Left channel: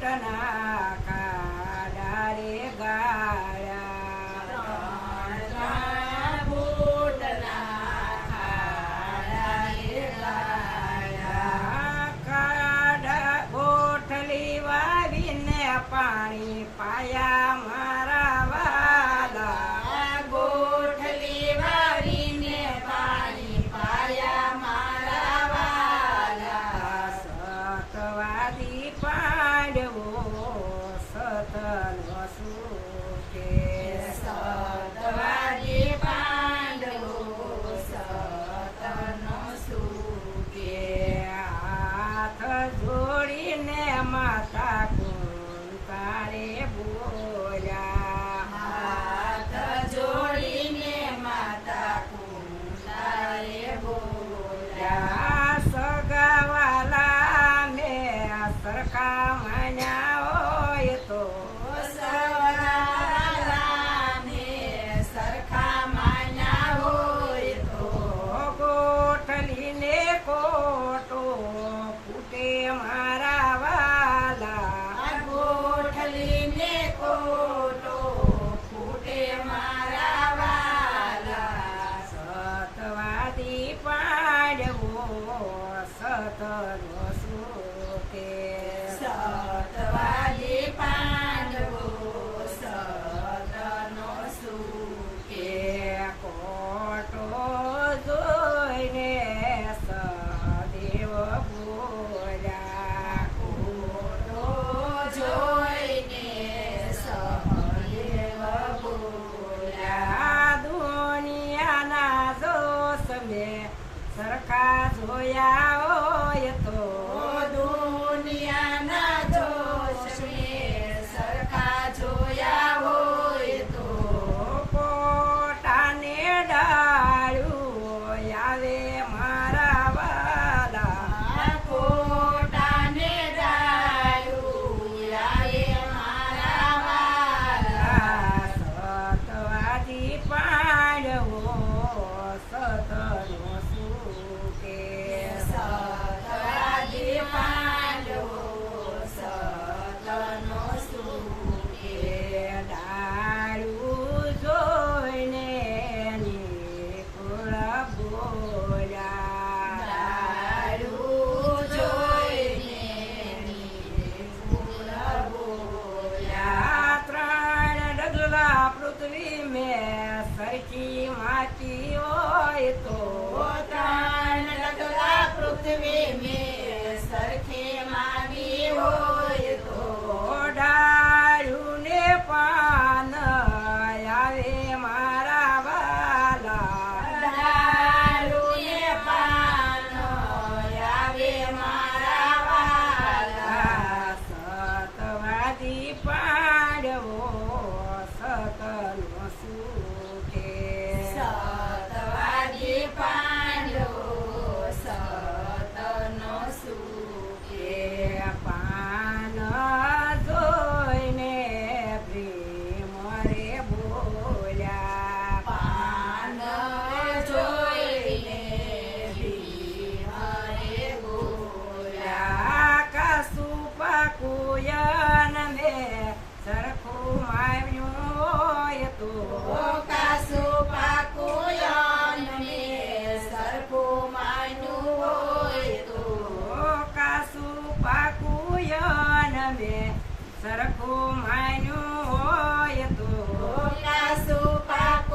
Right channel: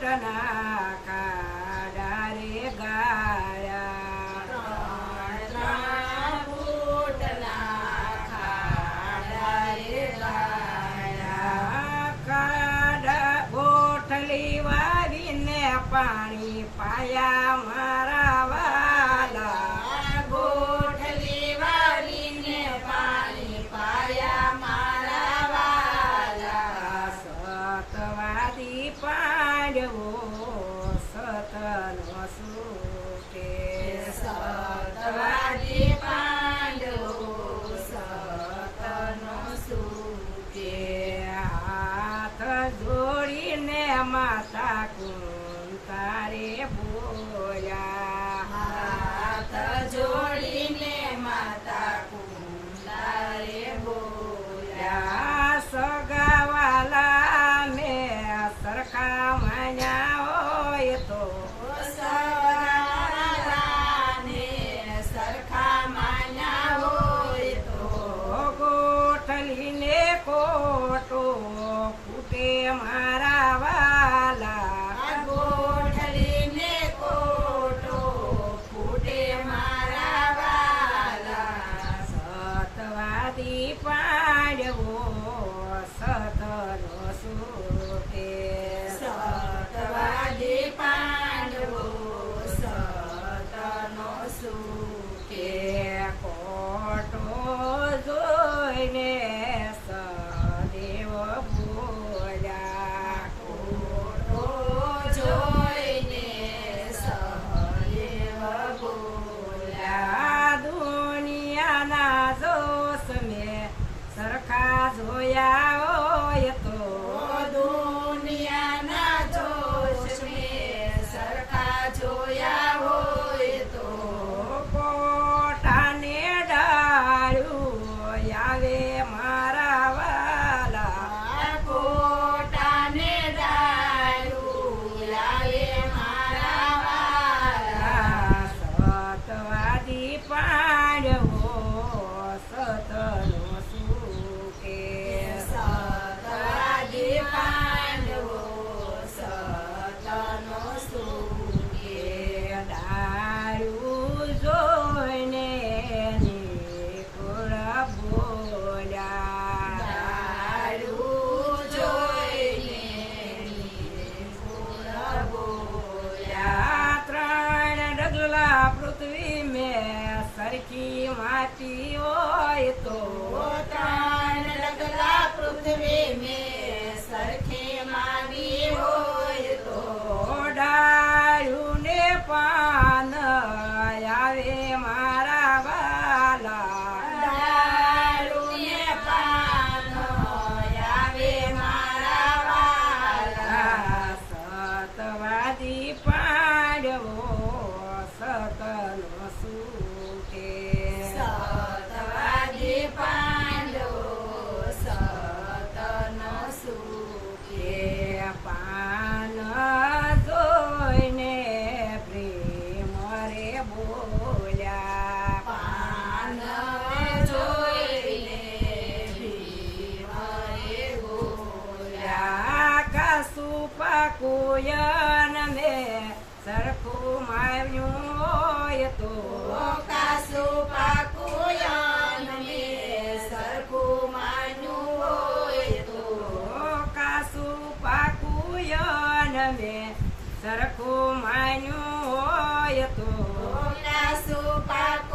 બૂટના ખાડા રે ગાળ્યા ત્રણ બૂટના ખાડા રે ગાળ્યા. ખાડા ગોઠલી વાવીને પાણી પાયા મારા વાલા ગોઠલી વાળીને પાણી પાયા મારા વાલા. સતવાદી પાંડવો સતનો સુકે સતવાદી પાંડવો સતનો સુકે. હાથ જોડીને માતા કુંતારે બોલ્યા હાથ જોડીને માતા કુંતારે બોલ્યા. સગાવાલા ને સરખા માન્યા હોય તો સવાલાને સરખા માન્યા હોય તો ગોઠલીને કોટો ફૂટે મારા વાલા ગોઠલીને કોટો ફૂટે મારા વાલા. સતવાદી પાંડવો સતનો સુકે સતવાદી પાંડવો સતનો સુકે. કોટો જોઈને સદેવ બોલ્યા કોટો જોઈને સહદેવ બોલ્યા. દુનિયાના જોશ મેં સરખા જોયા હોય તો દુનિયાના જોશ મેં સરખા જોયા હોય તો કોટાને ડાળ્યું આવે મારા વાલા કોટાને ડાળ્યું આવે મારા વાલા. સતવાદી પાંડવો સતનો સુકે સતવાદી પાંડવો સતનો સુકે. ડાળું જોઈને નિકુળ બોલ્યા ડાળું જોઈને નિકુળ બોલ્યા. ત્રણ ડગલા પૃથ્વી મેં સરખી માટી હોય તો ત્રણ ડગલા પૃથ્વી મેં સરખી માડી હોય તો ડાળું ને પાન આવે મારા વાલા ડાળુને પાન આવે મારા વાલા. સતવાદી પાંડવો સતનો સુકે સતવાદી પાંડવો સતનો સુકે. પાન જોઈને પ્રેમ રે બોલ્યા પાન જોઈને ભીમ રે બોલ્યા. કસું પાકુયન મેં સરખું માવ્યું હોય તો કાસુ પાકુયન મેં સરખું માન્યું હોય તો કાસું પાકુયન મેં સરખું માન્યું હોય તો કાસુ પાક